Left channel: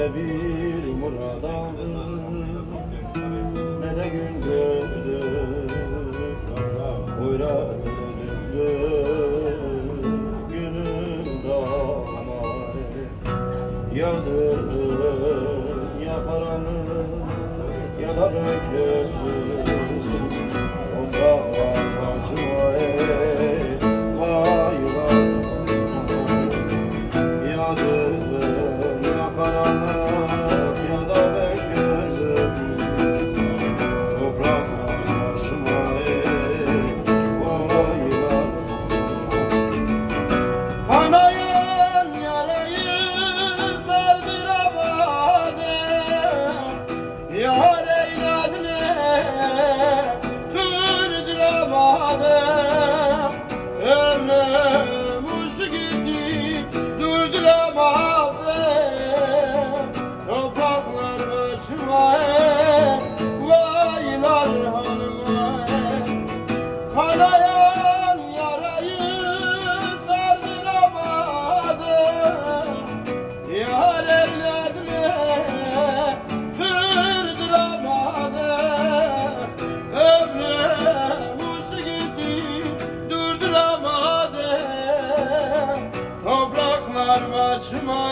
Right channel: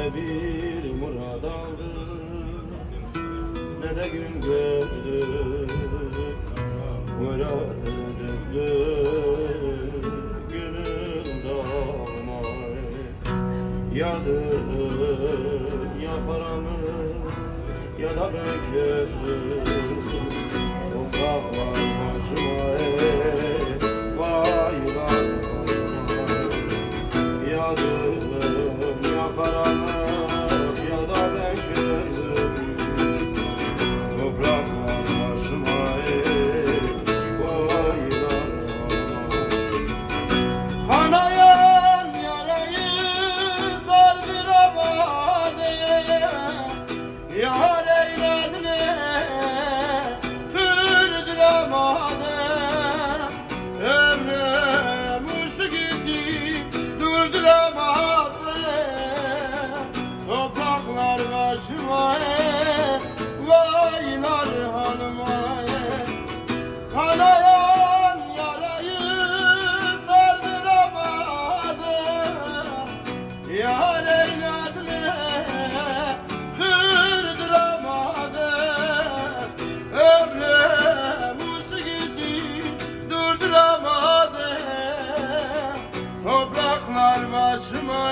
ne bir murad aldık, ne de gün gördük. Hoyrat döndük, gönül dağlamay. Yadın ya karanlık ya da böküldük. Topraklar başıma vay vay. Yadın ya karanlık ya da böküldük. Topraklar başıma vay vay. Kanayan yarayı sardıramadım, yar eyledin kırdıramadım. Ömrüm uçtu gitti durduramadım. Topraklar başıma vaylar hanıma. Kanayan yarayı sardıramadım, yar eyledin kırdıramadım. Ömrüm uçtu gitti durduramadım. Topraklar başıma